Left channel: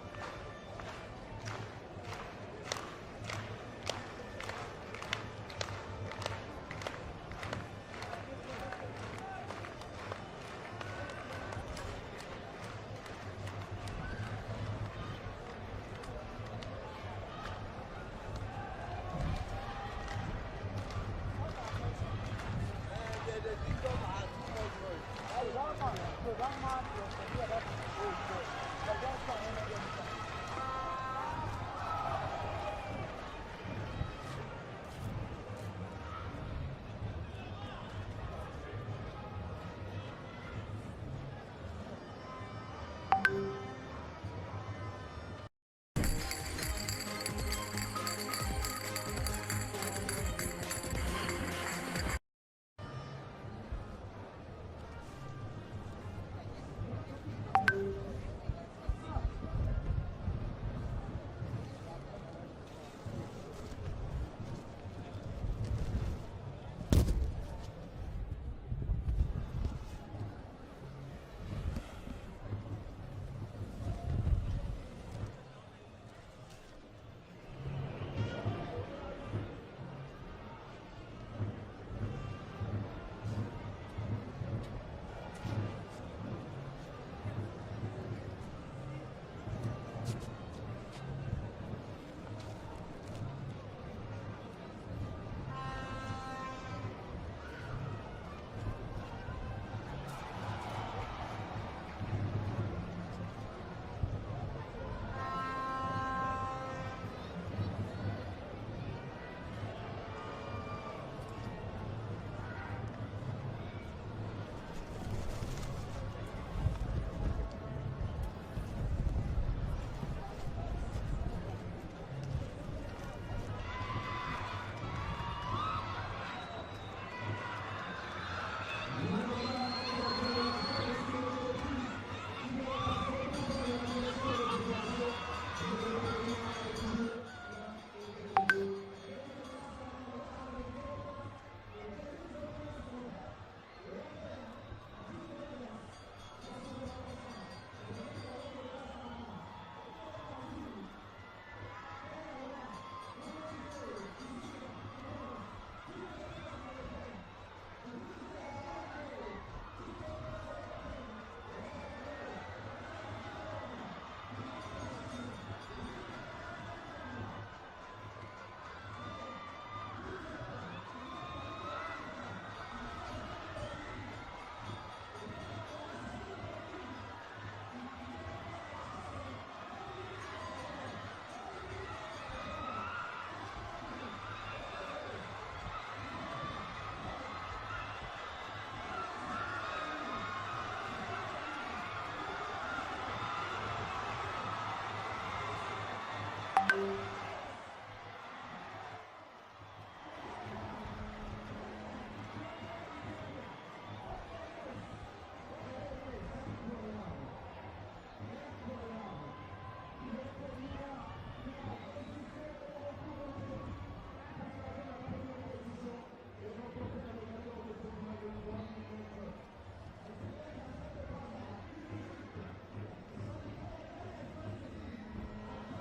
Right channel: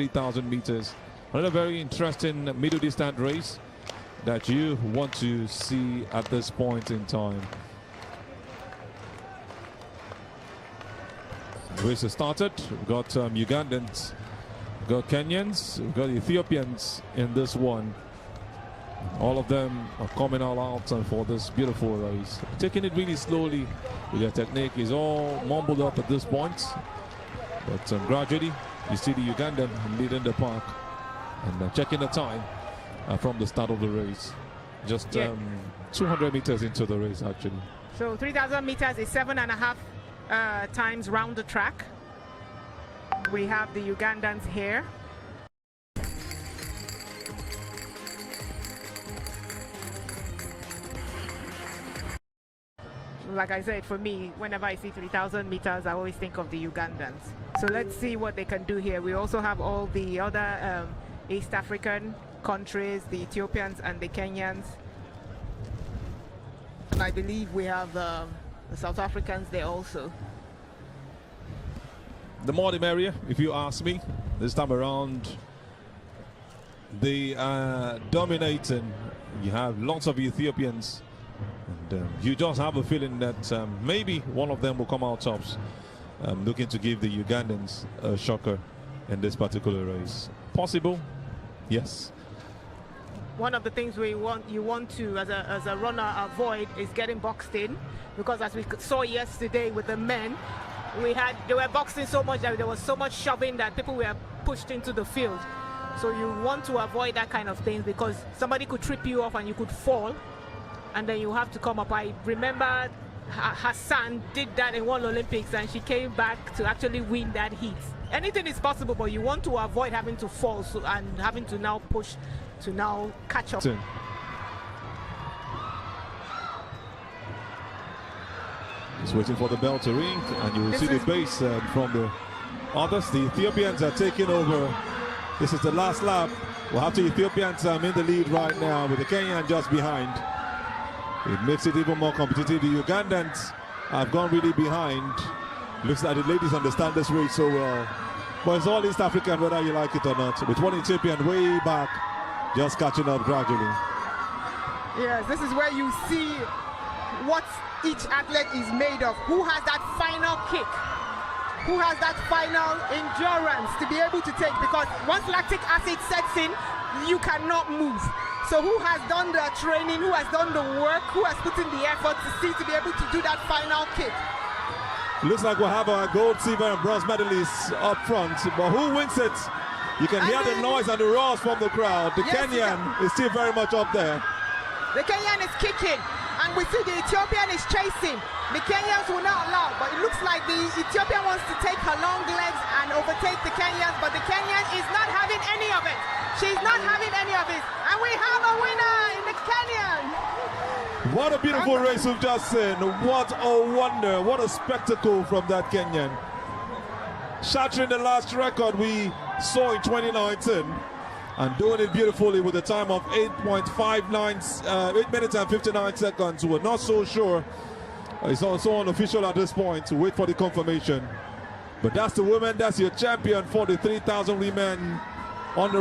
3,000 meters. Another very interesting middle distance race that you want to see at this point in time. Race has started. We've got Ugandans, we've got Kenyans, we've got Ethiopians in this one. All of them are coming all out for this beautiful race. Taking it really slowly. Their technique is all mumbled up at this point. But gradually, you see the Ugandan leading the pack and checking the time from the start of the race. Just 200 meters into the race, actually. So 3,000 meters is 7.5 times round the track. We have the Ugandans here. Like I said, for me, whenever I see 3,000 meters, I always think of the Ugandans. So let's see what they can do here. We also have all the other East African countries, the Ethiopians and the Kenyans. I believe we have the South Africans there also. The more the merrier, if you ask me. This time around, they are dominating. You have lots of Ethiopians. You just have a feeling that maybe one of them will come out tops, looking to give the Ugandans a shocker in this particular race. Possible? Yes. One of the things you want to, as a runner, avoid is getting boxed in, because as we saw yesterday with the men, they were boxed in so much that there was so much shoving that people were pushed into the field. So you want to avoid that kind of thing, because somebody could trip you off and you could fall, and then you have to come up. I remember Hassan did that in one Olympics, and she came back to actually win that heat. Anything is possible, but you want to avoid having to fall and having to now push to now catch up. Just waiting for the bell to ring, and you will see the base from the others. The Ethiopians are taking over. This is the last lap. We'll have the Ethiopians in the lead right now, with the Kenyan just behind. It makes it even more competitive. The Ugandans have gone really behind. Looks like the ladies understand this race so well. But it's all East African, whether you like it or not. With one Ethiopian way back, just catching up gradually. Yes, this is where you see what each athlete is made of. Who has that final kick? Who has that final endurance to be able to take? Because once lactic acid sets in, you cannot move. So who has done the training, who has done the work, who has put in the effort to be able to do that final kick? Looks like we'll have our gold, silver and bronze medalists up front, but who wins it? You can hear the noise and the roars from the crowd. The Kenyan is still very much up there. The Kenyan is kicking, and we see the Ethiopian is chasing. The Kenyans will not allow, but it looks like the Ethiopian wants to take her long legs and overtake the Kenyans, but the Kenyan is not having any of it. She's not having any of it, and we have a winner in the Kenyan. What a beautiful race we've just seen. What a wonder, what a spectacle from that Kenyan. Shattering the last record we saw in 2019 and doing it beautifully with a time of 8.59, 8 minutes and 59 seconds. We're not so sure. It's also unofficial at this point to wait for the confirmation. But that's the woman, that's your champion for the 3,000 women on the